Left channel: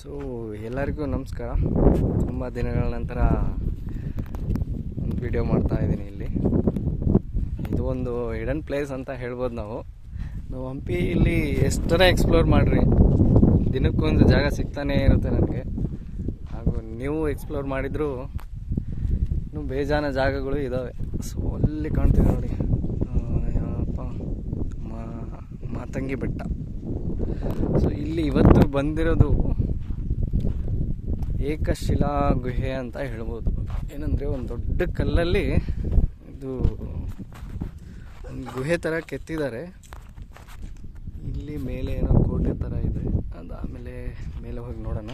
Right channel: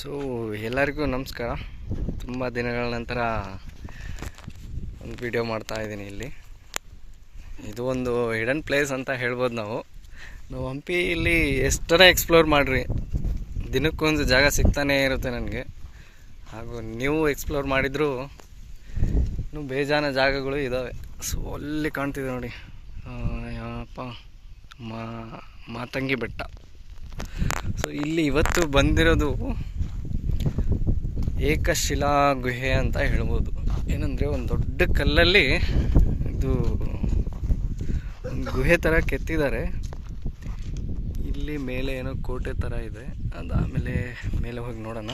So ಎಲ್ಲರಿಗೂ ನಮಸ್ಕಾರ. ತುಂಬ ದಿನಗಳ ನಂತರ ಒಂದು ವಿಡಿಯೋ ಮಾಡ್ತಾ ಇದ್ದೀನಿ. ಇದು ಒಂದು ಹಿಡನ್ ಪ್ಲೇಸ್ ಅಂತ ಹೇಳ್ಬೋದು. ನಾವು ಹಂಪಿ ಇಲ್ಲಿ ಎಷ್ಟರ ಎಕ್ಸ್ಪ್ಲೋರ್ ಮಾಡಿರಿ, ದಿನಕ್ಕೊಂದು ಜಾಗ ಸಿಗ್ತಾನೇ ಇರುತ್ತೆ ನನಗೆ. ಹಾಗೂ ನೀವು ಎಕ್ಸ್ಪ್ಲೋರ್ ಮಾಡಿದರೂ ಇನ್ನೂ ಬೇಜಾನ ಜಾಗಗಳು ಇದ್ದಾವೆ. ಸೊ ಅಲ್ಲಿ ಕಾಣ್ತಿದೆ ನೋಡಿ, ಯಾವಪ್ಪ ಮಾತಂಗಿ ಬೆಟ್ಟ. ಸೊ ಇಲ್ಲಿ ಇವತ್ತು ಬಂದಿರೋದು ಏಕಶಿಲಾ ಗುಹೆ ಅಂತ ಹೇಳ್ಬೋದು. ಏನಂದರೆ ಒಂದು ದೊಡ್ಡ ಕಲ್ಲಲ್ಲಿ ಇದು ಒಂದು ಗುಹೆ ಥರ ಕೆತ್ತಿದ್ದಾರೆ. ಇಲ್ಲಿ ಮೇಲೆ ಏನೋ ಕೋಟೆ ಥರ ಇದೆ. ಅದಾದಮೇಲೆ ಮೇಲೆ ಹೋಗಿ ನೋಡೋಣ.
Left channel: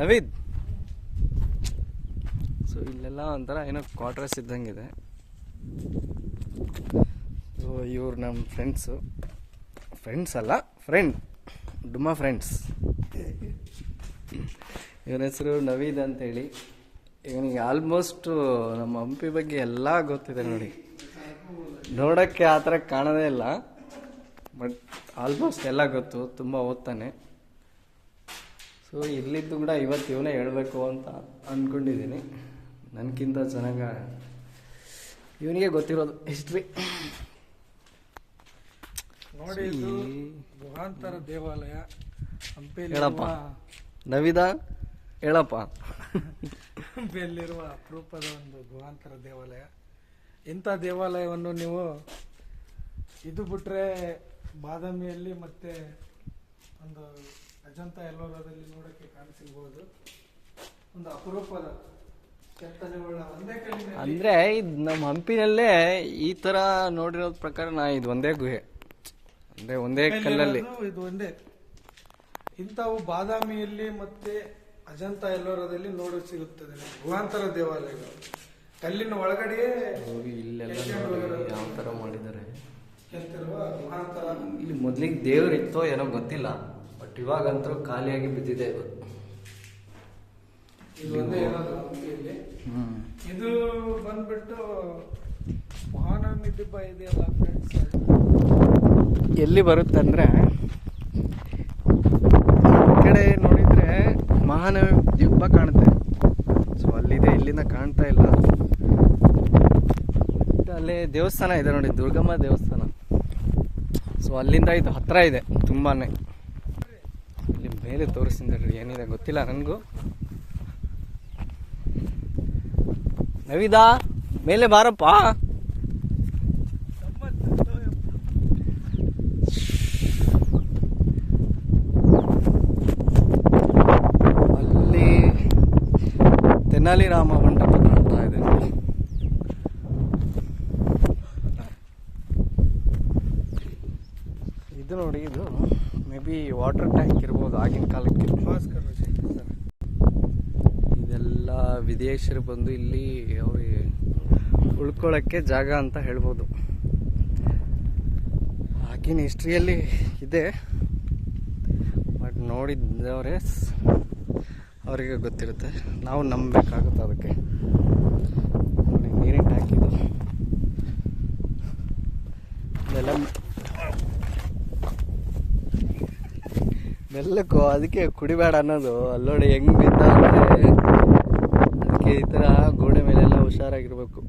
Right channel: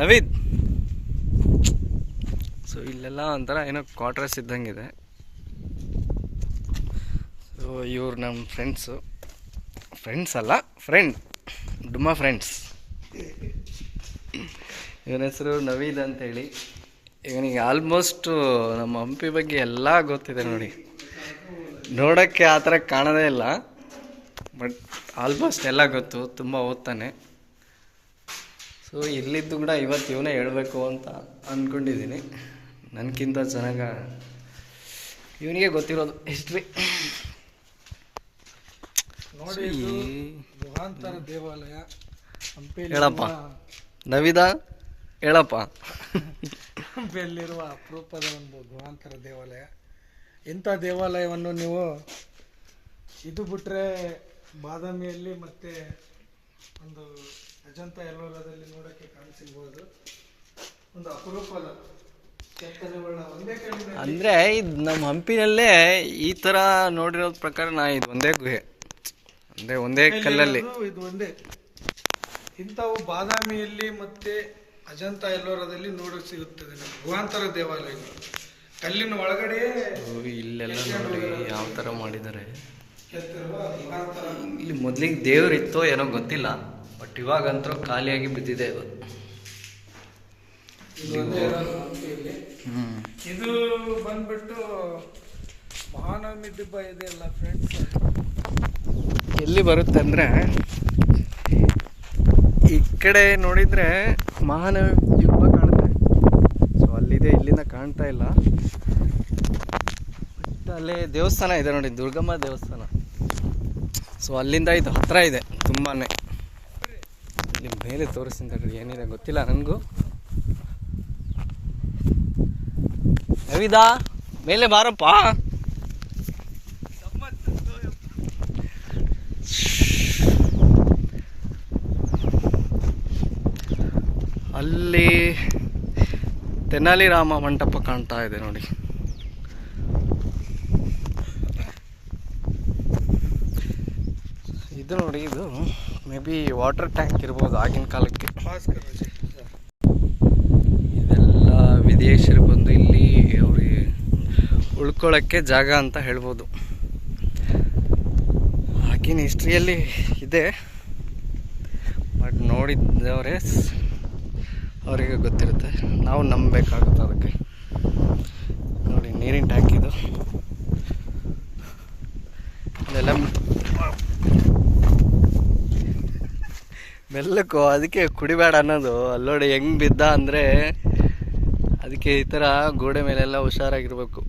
ನವೀದ್, ಸೊ ಇಲ್ಲೆಲ್ಲ ಒಂಥರ ಏನೋ ಕ್ವಾರ್ಟರ್ಸ್ ಇದ್ದಂಗಿದೆ. ಸೊ ಇವ್ರು ನಮ್ಮ ಫ್ರೆಂಡ್ಸ್ ಅಲ್ಲ, ಡುಮ್ಮಾ ಫ್ರೆಂಡ್ಸ್. ಇವನ ಹೆಸರು ನವೀದ್ ಅಂತೇಳಿ. ಇವನಿಗೆ ಆಲ್ಮೋಸ್ಟ್ ನಮ್ಮ ಹಂಪಿ ಬಗ್ಗೆ ಎಲ್ಲ ಗೊತ್ತಿದೆ ನೋಡಿ. ನೋಡೋಕ್ಕೆ ಆ ಥರ ಕಾಣೋದೇ ಇಲ್ಲ, ಬಟ್ ಆಲ್ಮೋಸ್ಟ್ ಎಲ್ಲ ಗೊತ್ತು. ತುಂಬ ಓದ್ತಾನೆ. ಸೊ ಇಲ್ಲಿದ್ದು ಕೂಡ ಇವತ್ತು ಇವನೇ ಹೇಳಬೇಕು ಅಂತ ಅಂದ್ಕೊಂಡಿದ್ದೀನಿ. ನನಗಿಂತ ಚೆನ್ನಾಗ ಇವನಿಗೆ ಗೊತ್ತಿರೋದು ಹಿಸ್ಟ್ರಿ. ನೋಡಿ, ಗುಹಾಂತರ ದೇವಾಲಯ ಹಂಪಿ. ಹೇಳಪ್ಪ ನವೀದ, ಹೇಳಪ್ಪ. ಹಂಪಿಯಲ್ಲಿರುವ ಅಪರೂಪದ ಒಂದು ಗುಹಾಂತರ ದೇವಾಲಯ. ಇಂಥ ದೇವಾಲಯವನ್ನು ನೀವು ಇದು ಬಿಟ್ಟರೆ ಬಾದಾಮಿಯಲ್ಲಿ ಮತ್ತು ಒಂದು ಅಜಂತ ಎಲ್ಲೋರದಲ್ಲಿ ನೋಡೋಕ್ಕೆ ಕಾಣಿಸಿರ್ಬೋದು. ಒಂದು ಅಪರೂಪದ ಕೆತ್ತನೆಗಳ ಒಂದೇ ಕಲ್ಲಿನ, ಅಂದರೆ ಇದು ನಮ್ಮ ಹಂಪಿನಲ್ಲೇ ಈ ಥರ ನೋಡಿರೋದ ಪ್ರಕಾರ ಇದು ಒಂದೇ ಗುಹೆ, ಅಂದರೆ ಒಂದೇ ಕಲ್ಲಲ್ಲಿ. ಇದು ಒಂದೇ. ಇಂಥವು ಬಾದಾಮಿಯಲ್ಲಿ ಮತ್ತು ಅಜಂತ ಎಲ್ಲೋರದಲ್ಲಿ ನೋಡೋಕೆ ಸಿಗುತ್ತದೆ. ಗುಹಾಂತರ ದೇವಾಲಯಗಳು ಕಲ್ಲಿನ ಒಳಗಡೆ ಇಲ್ಲೆಲ್ಲ ನೋಡಿ ಯಾವ ಥರ ಮಾಡಿದ್ದಾರೆ. ಕೆತ್ತಿರುವ ಗುಹಾಂತರ. ಇಲ್ಲಿ ಮೊದಲಿಗೆ ದೇವರಿತ್ತೋ ಏನೋ ಗೊತ್ತಿಲ್ಲ, ಬಟ್ ಇವಾಗಂತೂ ಖಾಲಿಯಾಗಿ ಬಿದ್ದಿದೆ ಅದು. ಇದು ಬಂದ್ಬಿಟ್ಟು ಮಹಾನವಮಿ ದಿಬ್ಬ ಇದೆಯಲ್ಲ ಫ್ರೆಂಡ್ಸ್, ಎಲ್ಲಿ ಬರುತ್ತೆ ಅಂದರೆ ಈ ಕಡೆ ನೋಡಿದರೆ ಮಹಾನವಮಿ ದಿಬ್ಬ ಕಾಣುತ್ತೆ. ಸೊ ಅಲ್ಲಿದೆ, ಇಲ್ಲಿಂದ ಕಾಣ್ತಾ ಇಲ್ಲ. ಅಲ್ಲೇ ದೇವಸ್ಥಾನ ಇದೆ ನೋಡಿ, ದುರ್ಗಮ್ಮ ದೇವಸ್ಥಾನ. ಸೊ ಅಲ್ಲಿಂದ ಇದು ಹತ್ತಿರ ಇದೆ ತುಂಬಾ. ಇಲ್ಲಿ ಮೇಲೆ ತೋರಿಸ್ತೀನಿ, ಏನಿದೆ ಗೊತ್ತಿಲ್ಲ ನನಗೂ. ನವೀದಾ, ಮೇಲೆ ಬಾರಪ್ಪ. ಅಲ್ಲಿ ತೆನಾಲಿ ರಾಮ ಮಂಟಪ ಕಾಣ್ತಾ ಇದೆ ನೋಡಿ. ಇದು ನೋಡಿ, ಇದು ಮೇ ಬಿ ವಾಟರ್ ಟ್ಯಾಂಕ್ ಇರ್ಬೋದು ಆಗಿನ ಕಾಲಕ್ಕೆ. ಇದೆಲ್ಲ ವಿದೇಶರು ಬಂದು ಇಲ್ಲಿ ಅವ್ರಿಗೆ ಉಳ್ಕೊಳ್ಳೋಕ್ಕೆ ಜಾಗ ಅಂತ ಹೇಳ್ಬೋದು. ಆಗಿನ ಹಿಸ್ಟ್ರಿಯಲ್ಲಿ ಇದೆ, ಬಟ್ ನೋಡಿದ್ದವರೇ ಅವರಿಗೆ ಗೊತ್ತಿರುತ್ತೆ. ನಾವು ನಂಬಬೇಕಾಗುತ್ತೆ ಅದಕ್ಕೆ. ನೋಡಿ, ನೀರಿನ ಟ್ಯಾಂಕ್ ಇದು. ಇದೆಲ್ಲ ಮೆಲ್ಲಕ್ಕೂ, ಅದಕ್ಕೆ ಕುಡಿಬೇಡ ಅನ್ನೋದು. ಅಲ್ಲೋಡಿ ಹೆಂಗೆ ಬಿದ್ದ ಅಂದರೆ, ಅದಕ್ಕೆ ಈ ಥರ ಗೋಡೆ ಮೇಲೆಲ್ಲ ಹುಷಾರಾಗಿರ್ಬೇಕು.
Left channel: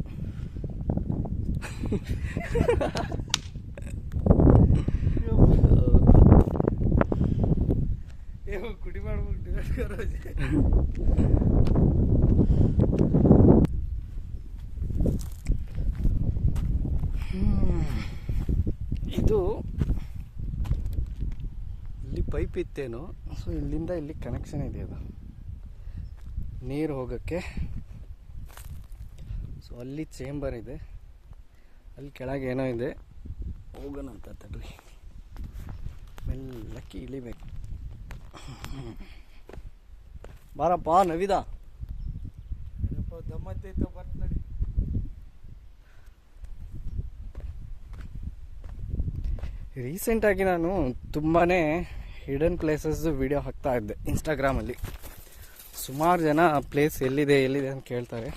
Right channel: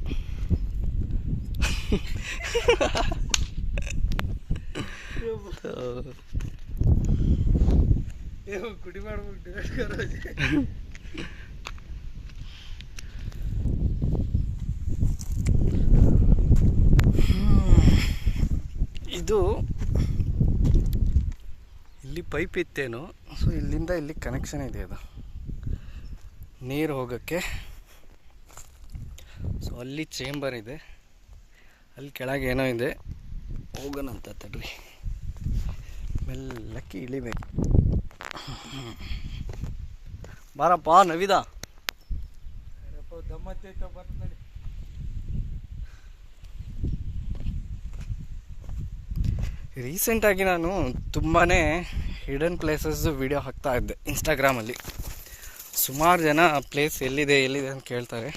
ಇದು ಇಲ್ಲಿ ಪೈಪ್ ಇತ್ತೇನು. ಸೊ ಇಲ್ಲಿಂದ ಇಲ್ಲಿ ಕನೆಕ್ಷನ್ ಇದೆ, ಅದು ನೀರು ಹೋಗೋಕ್ಕೆ. ಸೊ ಅಲ್ಲಿ ಚೇಂಬರ್ ಇದೆ, ಅಲ್ಲಿ ಕೆಳಗೆ ಏನೋ ಇದೆ. ಹೋಗೋಣಂತ ತಡ್ರಿ, ಮೆಲ್ಲಕ್ಕೆ ಇಳಿಬೇಕು. ಬಾರಪ್ಪ ನವೀದ. ದಮ್ಮತ್ತೈತ ಬರ್ತ ನಡಿ. ರೀಸೆಂಟಾಗಿ ನಾನು ತುಂಬಾ ಹಿಡನ್ ಪ್ಲೇಸಸ್ಸು ವಿಡಿಯೋ ಹಾಕ್ತಾ ಇದ್ದೆ ಇನ್ಸ್ಟಾಗ್ರಾಮಲ್ಲಿ. ಸುಮಾರು ಜನ ಪ್ಲೇಸ್ ಎಲ್ಲಿದೆ ಅಂತ ಕೇಳ್ತಾರೆ.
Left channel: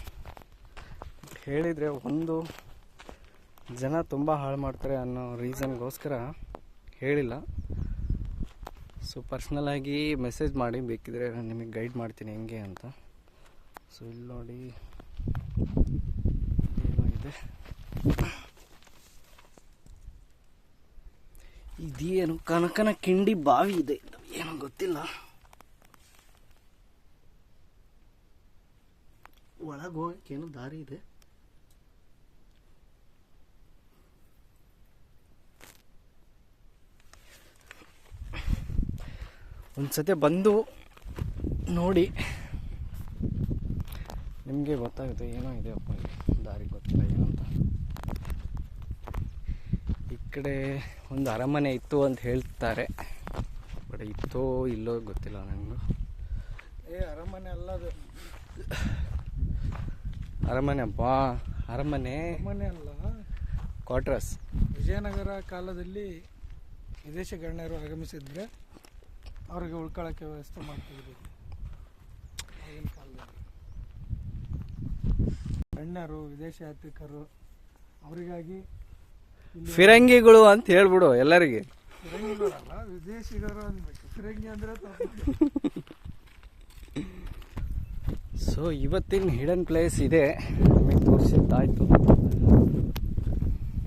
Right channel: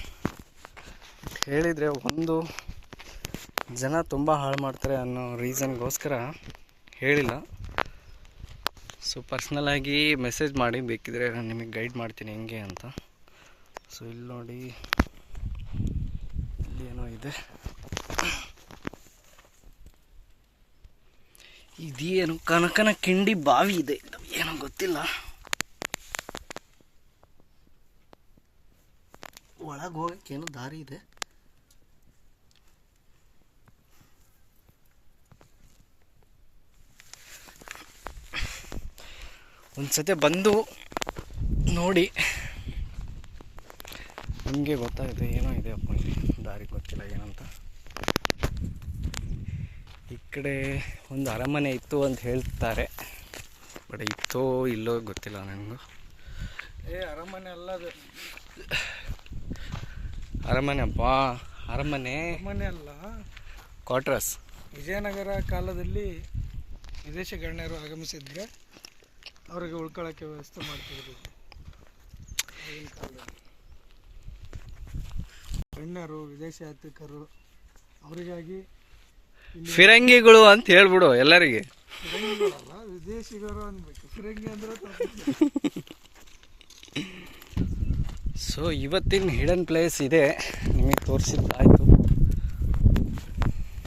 ಹೇಳಿದರೆ ಒಂದು ಜನ ತುಂಬ ಹಾಳು ಮಾಡ್ತಾರೆ ಅನ್ನೋ ರೀಸನ್ಗೋಸ್ಕರ ಹೇಳಿಲ್ಲ. ಸೊ ಪರ್ಸ್ನಲಾಗಿ ಮೆಸೇಜ್ ಮಾಡಿ, ಬೇಕಿದ್ರೆ ನಾನು ನಿಮಗೆ ಗೈಡ್ ಮಾಡ್ತೀನಿ ಹೆಂಗೆ ಅಂತ. ಸೊ ಇಲ್ಲಿ ನೋಡಿ ಏನೋ ಇದೆ, ಇದೇನು ಕನಕನ ಕಿಂಡಿ ಬಾವಿ ಇದೆ, ಏನೋ ಗೊತ್ತಿಲ್ಲ. ಒಳಗೆ ಹೋಗಕ್ಕೆ ಏನೋ ದಾರಿ ಇದೆ. ಒಂದ್ಸತಿ ಬಂದು ನೋಡಿ ನಿಮಗೆ ಗೊತ್ತಾಗುತ್ತೆ. ಏನೋ ಇದೆ ಅಪ್ಪ ಇಲ್ಲಿ, ದಾರಿ ಗೊತ್ತಿಲ್ಲ ಏನಂತ. ಈ ಕಡೆ ಒಂದು ಅರಮನೆ ಇತ್ತು ಅಂತ ಹೇಳ್ತಾರೆ, ಬಟ್ ಇತ್ತೋ ಇಲ್ಲೋ ಗೊತ್ತಿಲ್ಲ ನನಗೂ. ಅರಮನೆ ಅಲ್ಲ ಅದು, ಅರಮನೆ ಅಪ್ಪ, ಅರಮನೆ ಅಲ್ಲ, ಕ್ವಾರ್ಟರ್ಸ್. ವಿಜಯನಗರ ಕಾಲದಲ್ಲಿ ವಿದೇಶಿ ಗಣ್ಯರು ಆಗಮಿಸಿದ್ರೆ ಅವರಿಗೆ ಉಳ್ಕೊಳ್ಳೋಕ್ಕೆ ವ್ಯವಸ್ಥೆ ಮಾಡ್ತಿದ್ರು. ಆಗಿನ ಕಾಲದಲ್ಲಿ ಗಣ್ಯರು, ವಿದೇಶಿ ಯಾತ್ರಿಕರು ಅವರಿಗಾಗಿ ಫಿರಂಗಿಗಳು ಅಂತ ಹೇಳ್ಬಿಡು ಎಲ್ಲರಿಗೆ. ಫಿರಂಗಿಗಳಲ್ಲ, ವಿದೇಶಿಗರು ಅನ್ಬೇಕು. ಫಿರಂಗಿ ಅಂದ್ರೆ ಸೊ ಇವತ್ತಿನ ಹಿಡನ್ ಪ್ಲೇಸ್ ಇದೆ, ನಿಮಗೆ ತೋರಿಸಿದ್ದಾಯಿತು.